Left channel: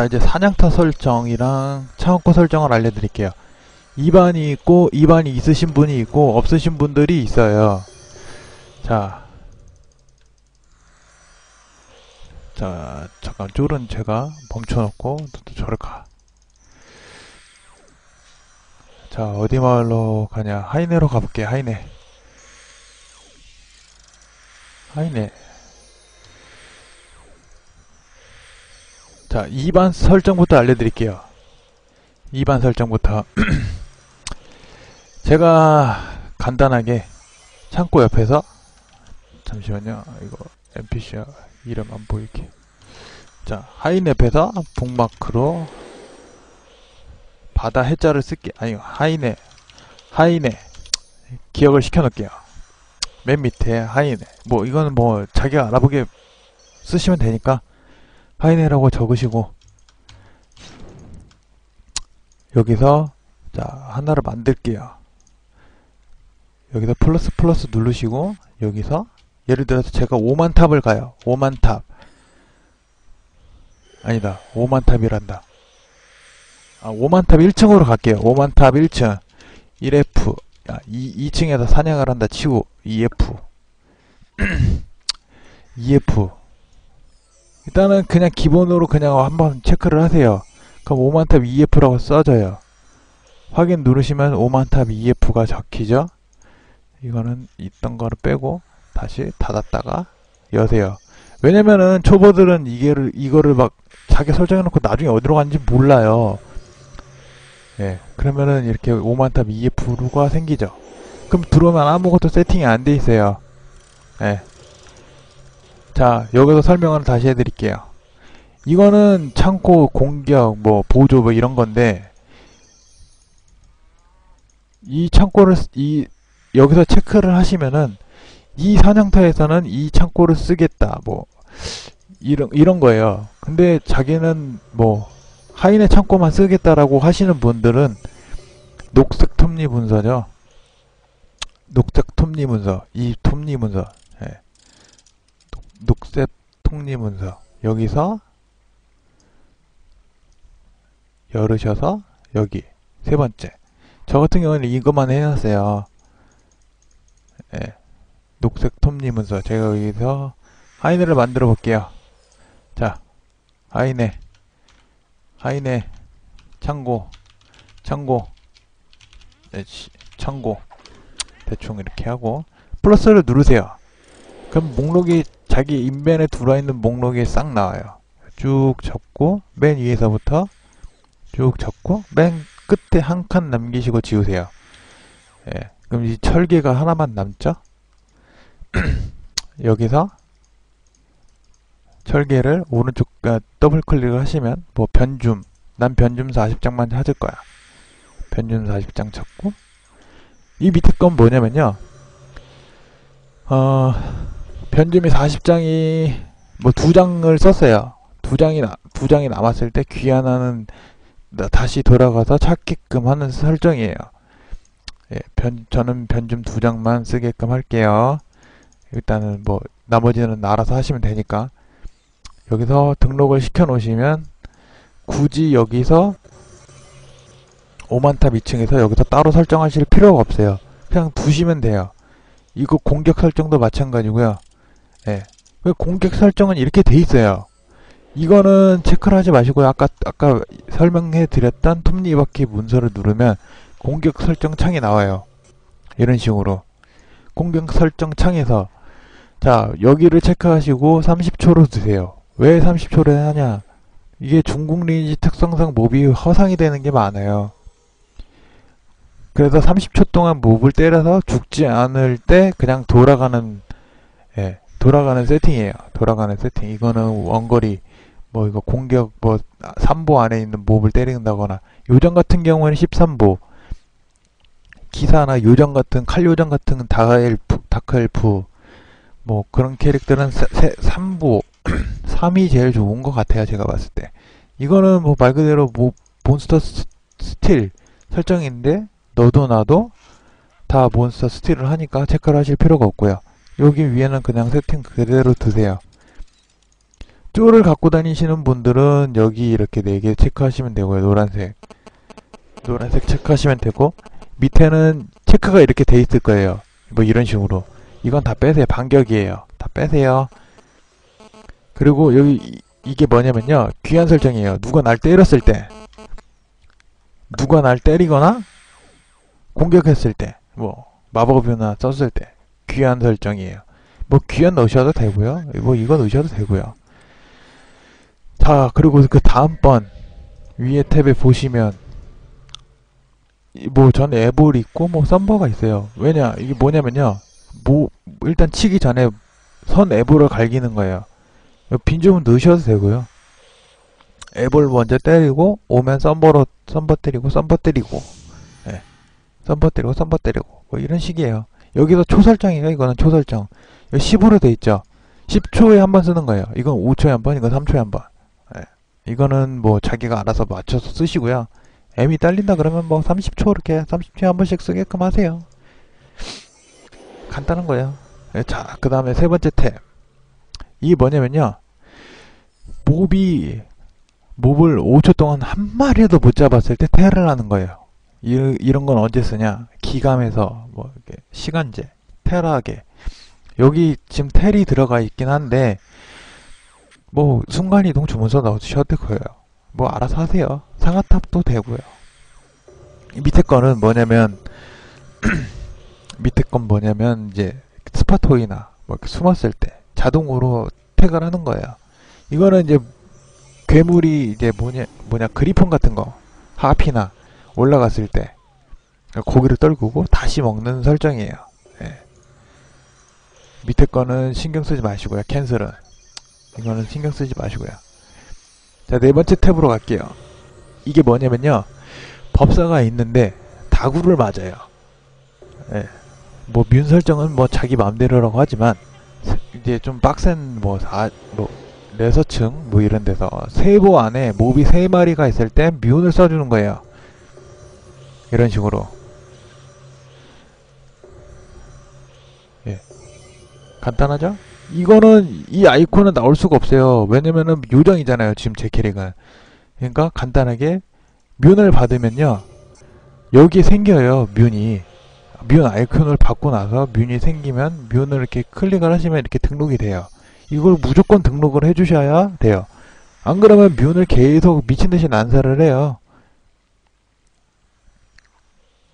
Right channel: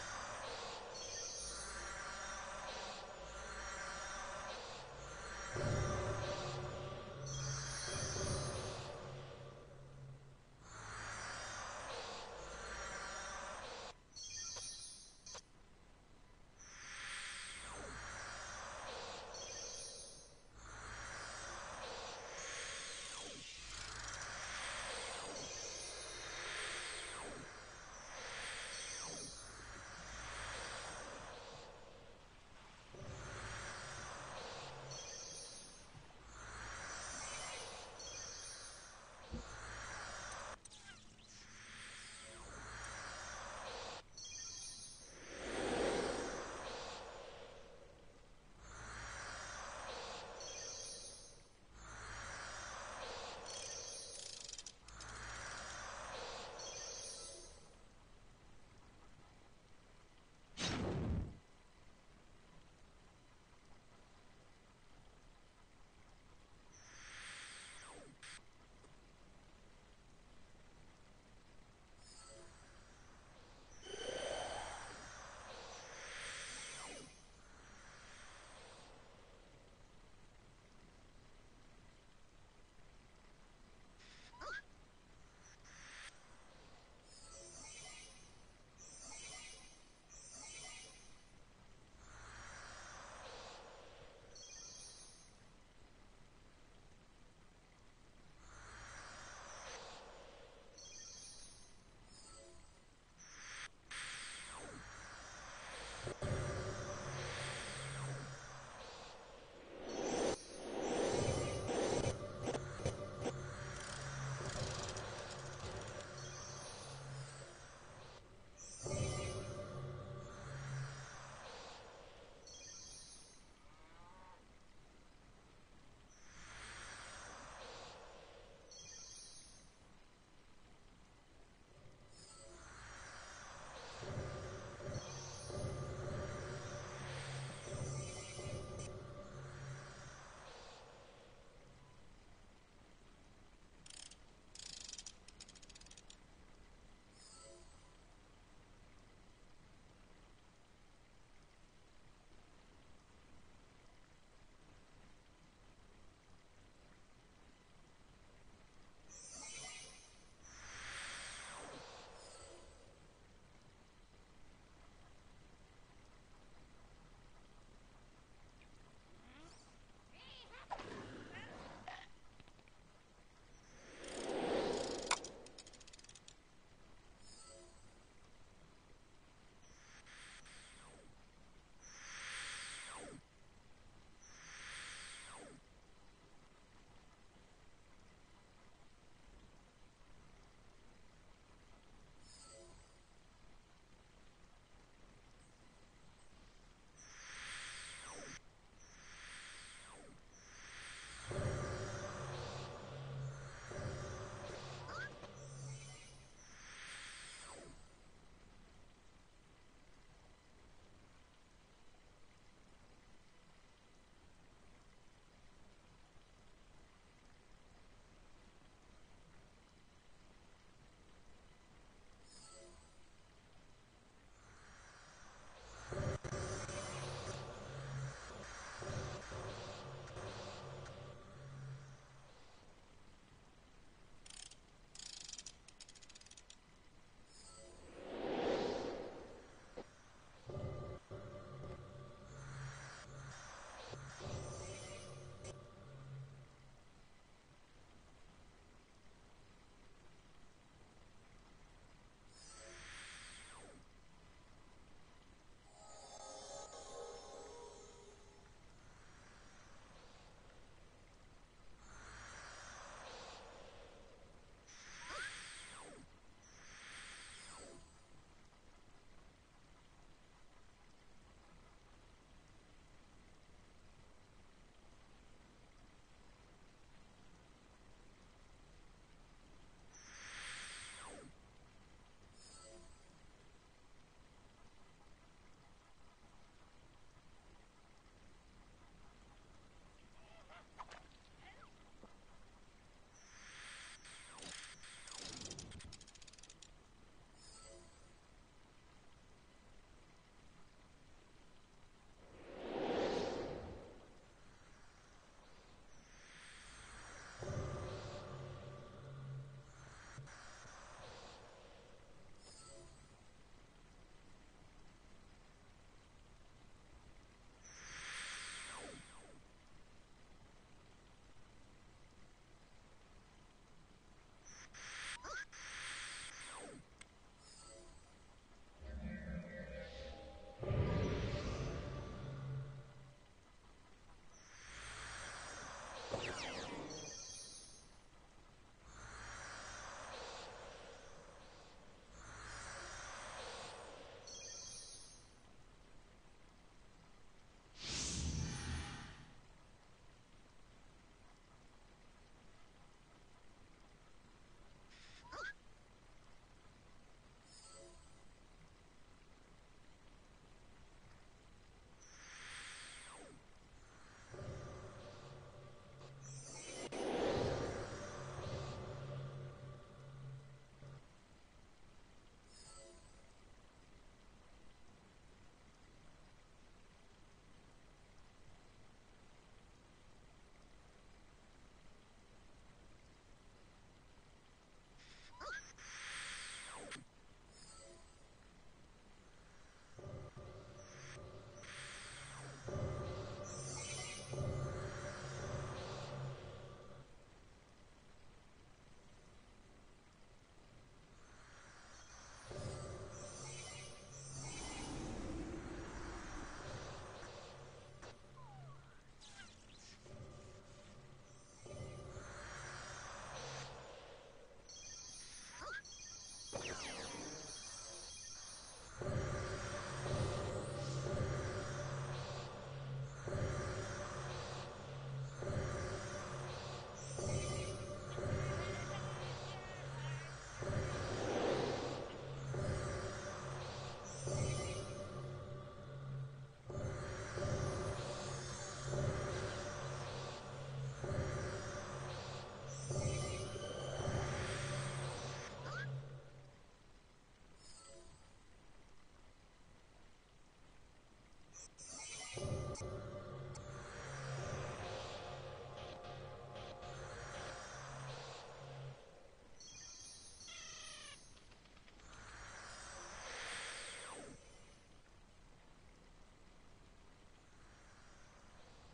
자 이제 사냥터 설정이랑 창고 설정을 알려드릴게요 2반이 있고 2반이 있으신 분이 있고 없으신 분들이 있어요 자 자, 잠깐 쫄은 제가 멈춰놓고 또 저를 가. 자, 어디 마을로 가냐? 하이네로 가볼게, 하이네. 하이네. 자, 2반 설정부터 알려드릴게요. 2반 설정부터. 제가 간단하게 창고 옆에서 잠시만요. 이거 NPC야. 이름 안 보이게. 자, 하이넷에서 북마크로 바다 해자를 쓸게. 아니, 하이넷. 하이넷. 기억을 시켜놓을게요. 맨 밑에 하이넷. 뭐, 이거는 뭐, 자기가 알아보게 쓰시면 되니까, 하이넷이라고 적으시고, 여기서, 자, 하나를 만들게요. 여기서 플러스 플러스 누르시고, 여기서, 예를 들어서 제가 5만 탑을 가요. 5만 탑. 아니다. 5만 탑이란다. 아, 5만 탑 1층으로 갈게요. 5만 탑 1층. 1F. 야, 2, 2층에서 사냥을 한다 치고 2F. 2F. 일단은 그냥 기본으로 그냥 한번 체크를 하세요. 그럼 5만 탑 2F라고 써져요. 확인 누르시면 5만 탑 2F가 적히죠. 이거는 있던 거를 빼고 다시 닫았다가 여세요. 왜냐면은 초보들은 이게를 이거를 막 자기 설정해놓고 나중에 어디로 가는지 몰라요. 예, 그러면은 이렇게 5만탑 EF가 생기죠. 그럼 들어오면 아무것도 세팅이 안 돼 있어요. 예. 자, 여기서 설명을 다시 해드릴게요. 이거는 창고 공격, 뭐 보조 뭐 이런 건데 이 창고를 쓰- 이 여기서 체크를 하시면은 이 사냥터에서는 이 창고를 쓰겠다 뭐 이런 이런 거예요. 근데 자기는 뭐 하인의 창고만 쓰겠다라고 하시는 분들은 녹색 톱니 문서죠. 녹색 톱니 문서, 이 톱니 녹색 톱니 문서. 여기서 열으셔서 여기 세 번째. 저 같은 경우는 이것만 해놨어요. 예. 녹색 톱니 문서. 제가 여기서 하이네를 만들어 볼게요. 자 하이네. 하이네. 창고. 창고. 네, 시- 창고. 대충 이렇게 하고 플러스를 누르세요 그럼 목록이 자기 인벤에 들어있는 목록이 싹 나와요. 쭉 접고 맨 위에서부터 쭉 접고 맨 끝에 한 칸 남기시고 지우세요. 예, 그럼 이 철개가 하나만 남죠? 여기서 철개를 오른쪽 아, 더블 클릭을 하시면 뭐 변줌 난 변줌 40장만 찾을 거야. 변줌 40장 찾고. 이 밑에 건 뭐냐면요. 어 변줌이 40장이 뭐 두 장을 썼어요. 두 장이 나, 두 장이 남았을 때 귀환하는 나- 다시 돌아가서 찾게끔 하는 설정이에요. 예, 변, 저는 변줌 두 장만 쓰게끔 할게요. 일단은 뭐 나머지는 알아서 하시면 되니까. 여기서 등록을 시켜 놓으시면 굳이 여기서 5만탑 2층에서 여기서 따로 설정하실 필요가 없어요. 그냥 두시면 돼요. 이거 공격 설정도 마찬가지고요 예. 왜 공격 설정은 이렇게 돼 있어요? 이거는 체크를 하지 마시고요. 아까 아까 설명해 드렸던 톱니바퀴 문서를 누르면 공격 설정 창이 나와요. 이런 식으로. 공격 설정 창에서 자 여기를 체크하시고 30초로 두세요. 왜 30초를 하냐? 이게 중국 리니지 특성상 몹이 허상이 되는 게 많아요. 그래서 30초 동안 몹을 때려서 죽지 않을 때 그냥 돌아가는 예 돌아가는 세팅이에요. 돌아가는 세팅. 이거는 원거리 뭐 이거 공격 뭐 3보 안에 있는 몹을 때린다거나 요정 같은 경우에는 13보. 기사나 요정 같은 칼 요정 같은 다el프 다크엘프 뭐 그런 캐릭터는 3보. 3이 제일 좋은 것 같아요 제가 봤을 때. 이거는 뭐 말 그대로 뭐 몬스터 스- 스틸 설정인데 너도 나도 다 몬스터 스틸을 하니까 체크를 하실 필요가 없고요 여기 위에는 그냥 세팅 그대로 두세요 쫄을 갖고 다니시는 분들은 여기 이렇게 네개 체크하시면 되고요. 노란색. 노란색 체크하시면 되고 밑에는 체크가 이렇게 돼 있을 거예요. 뭐 이런 식으로. 이건 다 빼세요. 반격이에요. 다 빼세요. 그리고 여기 이- 이게 뭐냐면요. 귀한 설정이에요. 누가 날 때렸을 때 누가 날 때리거나 공격했을 때 뭐 마법이나 썼을 때 귀한 설정이에요. 뭐 귀한 넣으셔도 되고요. 뭐 이거 넣으셔도 되고요. 자 그리고 그 다음번 위에 탭에 보시면 뭐전 앱을 있고 뭐 썸버가 있어요. 왜냐 이게 뭐냐면요. 뭐 일단 치기 전에 선 앱을 갈기는 거예요. 빈좀은 넣으셔도 되고요. 앱을 먼저 때리고 오면 썸버로 썸버 때리고 썸버 때리고 예. 썸버 때리고 썸버 때리고 뭐 이런 식이에요. 여기서 초설정이에요. 이거는 초설정. 10으로 돼 있죠. 10초에 한 번 쓰는 거예요. 이건 5초에 한 번, 이건 3초에 한 번. 예. 이거는 뭐 자기가 알아서 맞춰서 쓰시고요. M이 딸린다 그러면 뭐 30초 이렇게 30초에 한 번씩 쓰게끔 하세요. 간단한 거예요. 예, 자, 그 다음에 세 번째 탭. 이게 뭐냐면요. 몹이 몹을 5초 동안 한 마리라도 못 잡았을 때 테를 하는 거예요. 이, 이런 건 언제 쓰냐? 기감에서 뭐 시간제, 테라게. 여기 지금 텔이 들어가 있긴 한데 뭐 순간이동 주문서 넣으셔도 되고요. 뭐 알아서 하세요. 상하탑도 되고요. 이 밑에 거는 뭐냐면 밑에 건 뭐냐면 이제 스파토이나 뭐 이렇게 숨었을 때 자동으로 태그를 하는 거예요. 이거는 이제 괴물이 이제 뭐냐 뭐냐 그리폰 같은 거 하피나 올라갔을 때 고기를 떨구고 다시 먹는 설정이에요. 예. 밑에 거는 신경 쓰지 마시고요. 캔슬은 이거는 신경 쓰지 마시고요. 자, 네 번째 탭으로 갈게요. 이게 뭐냐면요. 법사가 있는데 다구를 맞아요. 예. 뭐 뮨 설정은 뭐 자기 마음대로라고 하지만 이제 좀 빡센 뭐, 사, 뭐 레서층 뭐 이런 데서 세보 안에 몹이 세 마리가 있을 때 뮨을 써주는 거예요. 이런 식으로. 예. 간단하죠? 이거는 이 아이콘은 나올 수가 없어요. 왜냐면은 요정이잖아요. 지금 제 캐릭은. 그러니까 간단하게 뮨을 받으면요. 여기에 생겨요. 뮨이. 뮨 아이콘을 받고 나서 뮨이 생기면 뮨을 이렇게 클릭을 하시면 이렇게 등록이 돼요. 이걸 무조건 등록을 해주셔야 돼요. 안 그러면 뮨을 계속 미친듯이 난사를 해요.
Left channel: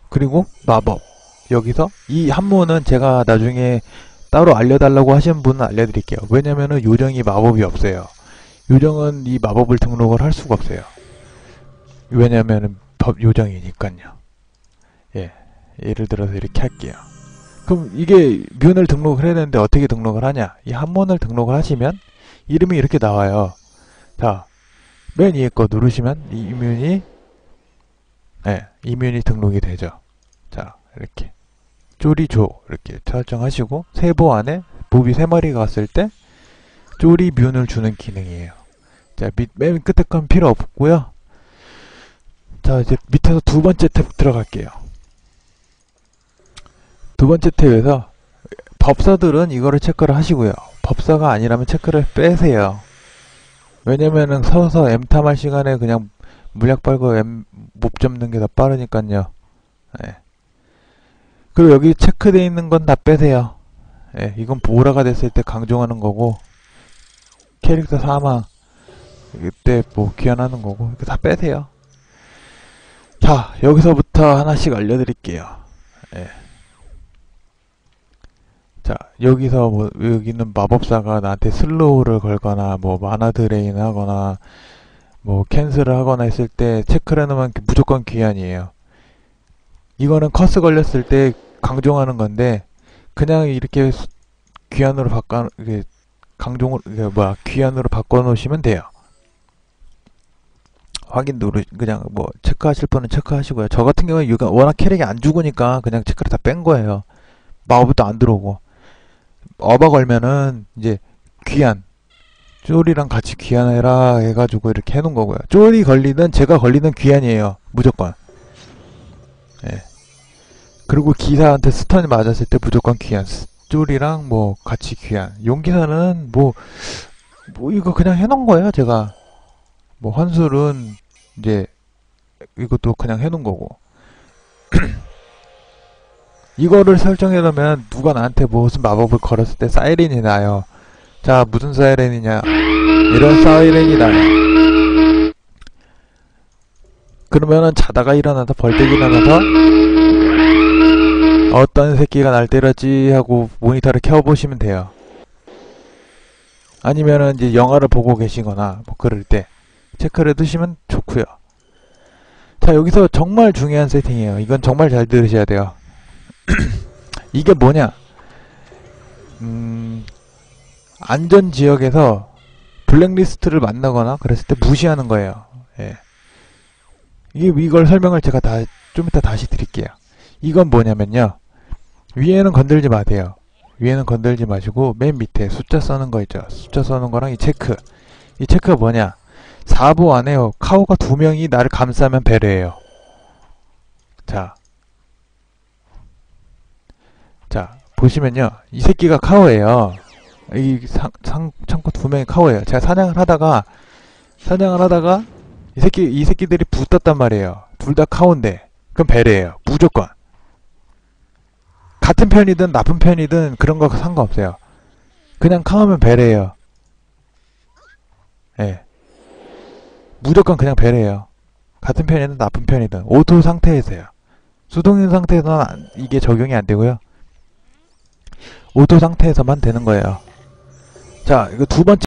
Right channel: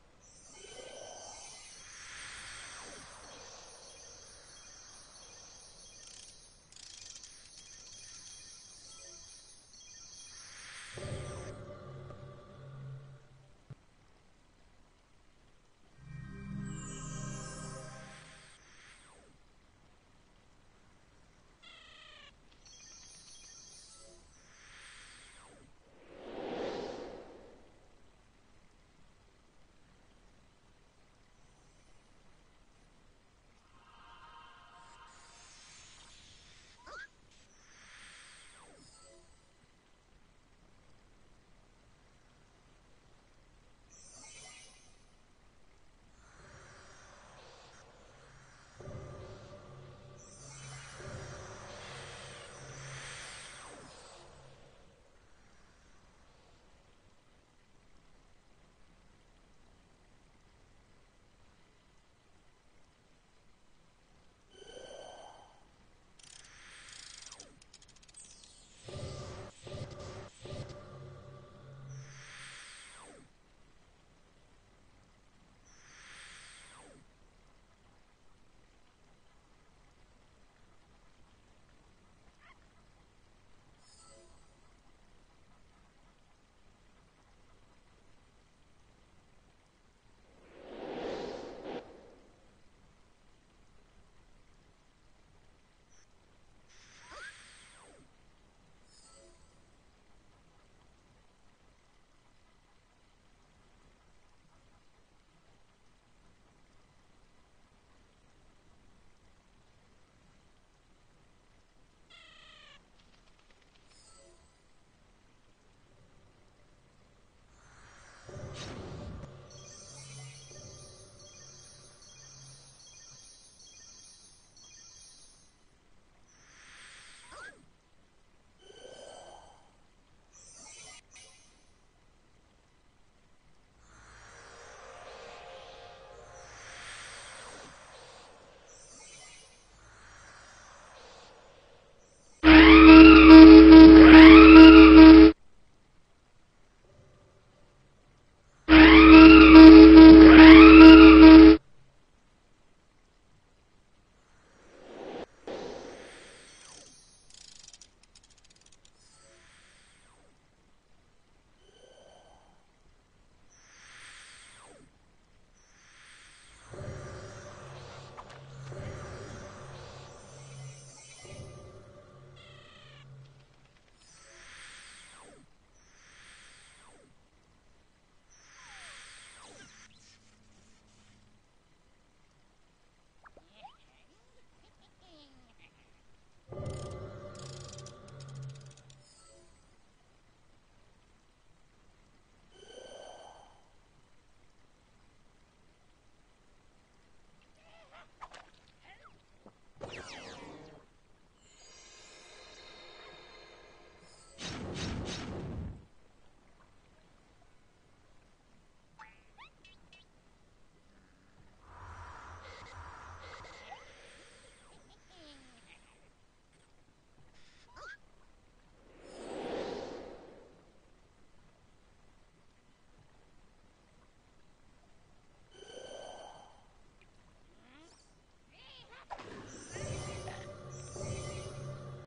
그리고 마법. 여기서 이 한문은 제가 나중에 따로 알려달라고 하시는 분은 알려드릴게요. 왜냐면은 요정이 마법이 없어요. 요정은 이 마법을 등록을 할 수가 없어요. 왜냐면은 법 요정이니까요. 예. 예를 들어서 이렇게 할게요. 그럼 이게 뮨을 등록을 해야 되는데 어떻게 등록을 하냐? 이 한문을 등록을 하시면 이름이 이렇게 나와요. 자, 맨 위에 거 누르시면 이 이면이 예, 이면이 등록이 되죠. 자, 이렇게 쪼리조 이렇게 설정하시고 세보 안에 몹이 세 마리가 왔을 때 쪼리 뮨을 주는 기능이에요. 자, 밑, 맨 끝에 건 필요 없고요. 자, 이제 밑에서 두 번째 탭 들어갈게요. 두 번째 탭에서 법사들은 이거를 체크를 하시고요. 법사가 아니라면 체크를 빼세요. 왜냐면은 서서 M 탐할 시간에 그냥 물약 빨고 못 잡는 게더 빠르니까요. 예. 그리고 여기 체크되어 있는 건 다 빼세요. 예, 이건 보라가 됐을 때 강조하는 거고 캐릭터 사망 이때 뭐 귀환하는 거고 이거 다 빼세요. 자 여기서부터 하나씩 알려드릴게요. 예. 자 여기서 뭐 여기는 마법사가 나한테 슬로우를 걸거나 뭐 마나 드레인 하거나 뭐 캔슬을 하거나 했을 때 해놓으면 무조건 귀환이에요. 이거는 커스 걸렸을 때 강종하는 건데 그냥 이렇게 수- 귀환으로 바꿔 이게 강종을 뭐야 귀환으로 바꿔 놓으시면 돼요. 확인 누르 그냥 뭐 체크하실 분은 체크하시고요. 저 같은 경우에 이거 워낙 캐릭이 안 죽으니까 그냥 체크를 다 뺀 거예요. 마법도 안 들어오고 어바 걸면은 이제 귀환 쫄이랑 같이 귀환해라 해가지고 이렇게 해놓은 거고요. 쫄이 걸리든 제가 걸리든 귀환이에요. 무조건. 예. 그리고 기사한테 스턴이 맞았을 때 무조건 귀환. 쫄이랑 뭐 같이 귀환. 용기사는 뭐 뭐 이거 그냥 해놓은 거예요 제가 뭐 환술은 이제 이것도 그냥 해놓은 거고 이거를 설정해 놓으면 누가 나한테 무슨 마법을 걸었을 때 사이렌이 나요 자 무슨 사이렌이냐? 이런 사이렌이다. 그러면은 자다가 일어나서 벌떡 일어나서 어떤 새끼가 날 때렸지 하고 모니터를 켜보시면 돼요. 아니면은 이제 영화를 보고 계시거나 뭐 그럴 때 체크를 해두시면 좋고요. 자 여기서 정말 중요한 세팅이에요. 이건 정말 잘 들으셔야 돼요. 이게 뭐냐? 음 안전 지역에서 블랙리스트를 만나거나 그랬을 때 무시하는 거예요. 예. 이게 이걸 설명을 제가 다 좀 이따 다시 드릴게요. 이건 뭐냐면요. 위에는 건들지 마세요. 위에는 건들지 마시고 맨 밑에 숫자 써는 거 있죠. 숫자 써는 거랑 이 체크. 이 체크가 뭐냐? 4부 안에요. 카오가 두 명이 나를 감싸면 배려해요. 자. 자, 보시면요. 이 새끼가 카오예요. 이 상, 상, 창고 두 명이 카오예요. 제가 사냥을 하다가, 사냥을 하다가, 이 새끼, 이 새끼들이 붙었단 말이에요. 둘 다 카오인데. 그럼 배려해요. 무조건. 같은 편이든 나쁜 편이든 그런 거 상관없어요. 그냥 카오면 배려해요. 예. 무조건 그냥 배려해요. 같은 편이든 나쁜 편이든. 오토 상태에서요. 수동인 상태에서는 안- 이게 적용이 안 되고요. 오토 상태에서만 되는 거예요. 자, 이거 두 번째